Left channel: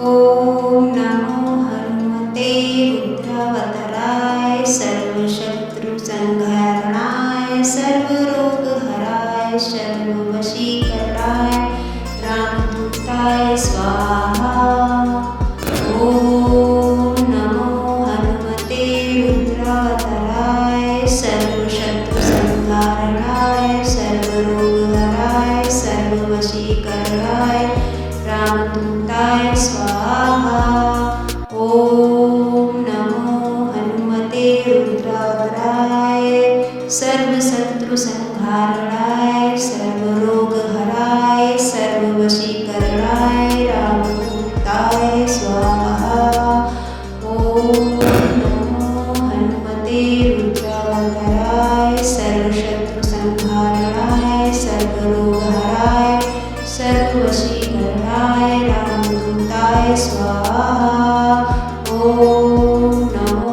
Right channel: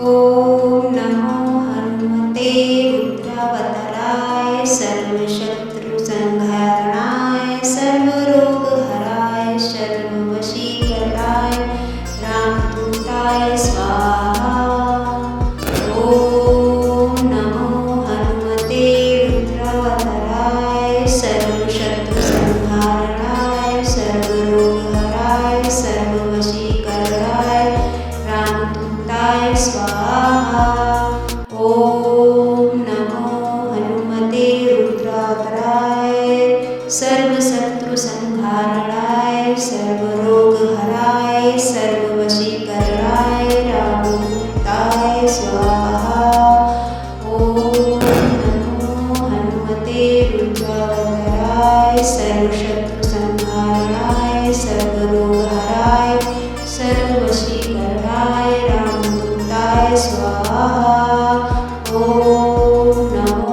ओम नमो हनुमते रुद्रावताराय सर्वशत्रुसंहारणाय सर्वरोगहराय सर्ववशीकरणाय रामदूताय स्वाहा। ओम नमो हनुमते रुद्रावताराय सर्वशत्रुसंहारणाय सर्वरोगहराय सर्ववशीकरणाय रामदूताय स्वाहा। ओम नमो हनुमते रुद्रावताराय सर्वशत्रुसंहारणाय सर्वरोगहराय सर्ववशीकरणाय रामदूताय स्वाहा। ओम नमो हनुमते रुद्रावताराय सर्वशत्रुसंहारणाय सर्वरोगहराय सर्ववशीकरणाय रामदूताय स्वाहा। ओम नमो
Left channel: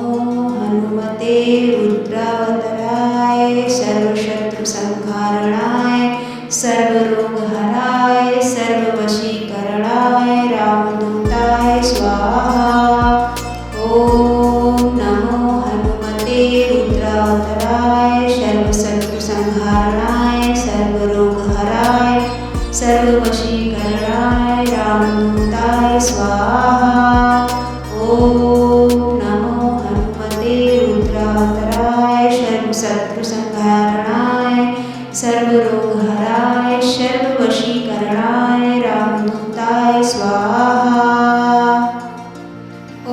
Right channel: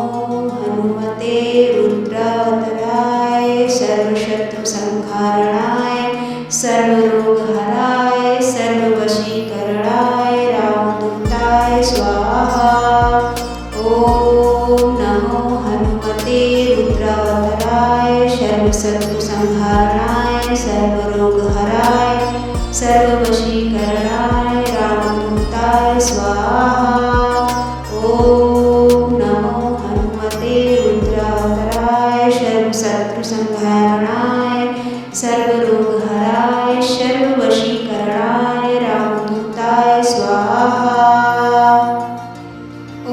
हनुमते रुद्रावताराय सर्वशत्रुसंहारणाय सर्वरोगहराय सर्ववशीकरणाय रामदूताय स्वाहा। ओम नमो हनुमते रुद्रावताराय सर्वशत्रुसंहारणाय सर्वरोगहराय सर्ववशीकरणाय रामदूताय स्वाहा। ओम नमो हनुमते रुद्रावताराय सर्वशत्रुसंहारणाय सर्वरोगहराय सर्ववशीकरणाय रामदूताय स्वाहा।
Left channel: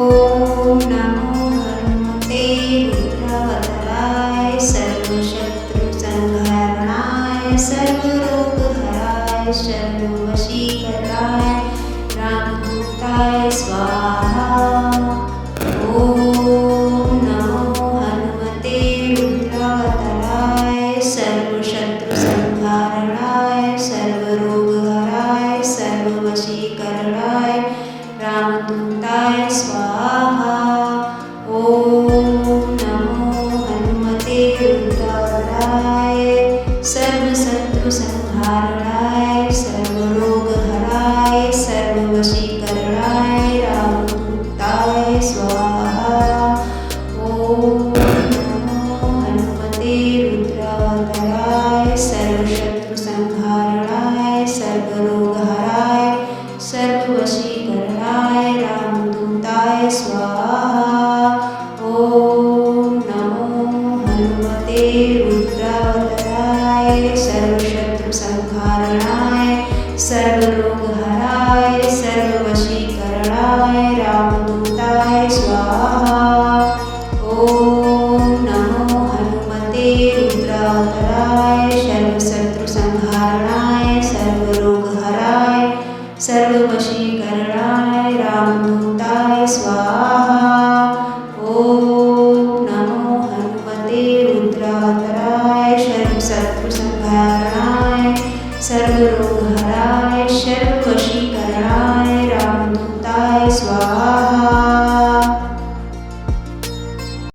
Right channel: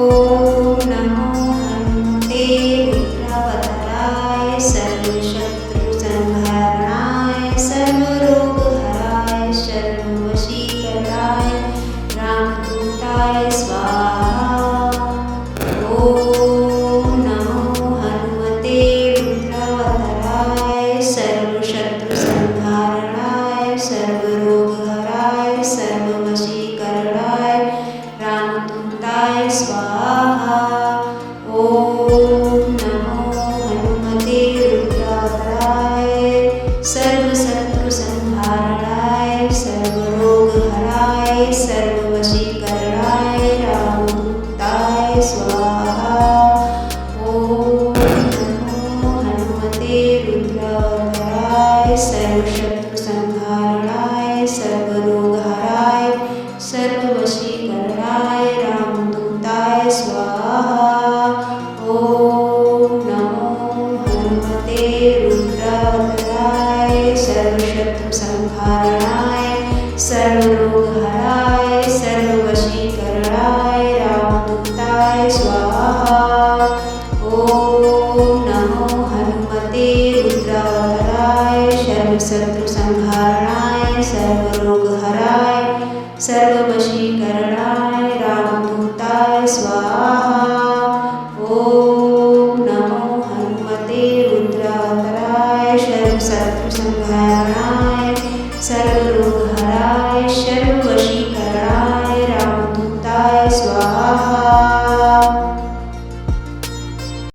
ओम नमो हनुमते रुद्रावताराय सर्वशत्रुसंहारणाय सर्वरोगहराय सर्ववशीकरणाय रामदूताय स्वाहा। ओम नमो हनुमते रुद्रावताराय सर्वशत्रुसंहारणाय सर्वरोगहराय सर्ववशीकरणाय रामदूताय स्वाहा। ओम नमो हनुमते रुद्रावताराय सर्वशत्रुसंहारणाय सर्वरोगहराय सर्ववशीकरणाय रामदूताय स्वाहा। ओम नमो हनुमते रुद्रावताराय सर्वशत्रुसंहारणाय सर्वरोगहराय सर्ववशीकरणाय रामदूताय स्वाहा। ओम नमो हनुमते रुद्रावताराय सर्वशत्रुसंहारणाय सर्वरोगहराय सर्ववशीकरणाय रामदूताय स्वाहा। ओम नमो हनुमते रुद्रावताराय सर्वशत्रुसंहारणाय सर्वरोगहराय सर्ववशीकरणाय रामदूताय स्वाहा। ओम नमो हनुमते रुद्रावताराय सर्वशत्रुसंहारणाय सर्वरोगहराय सर्ववशीकरणाय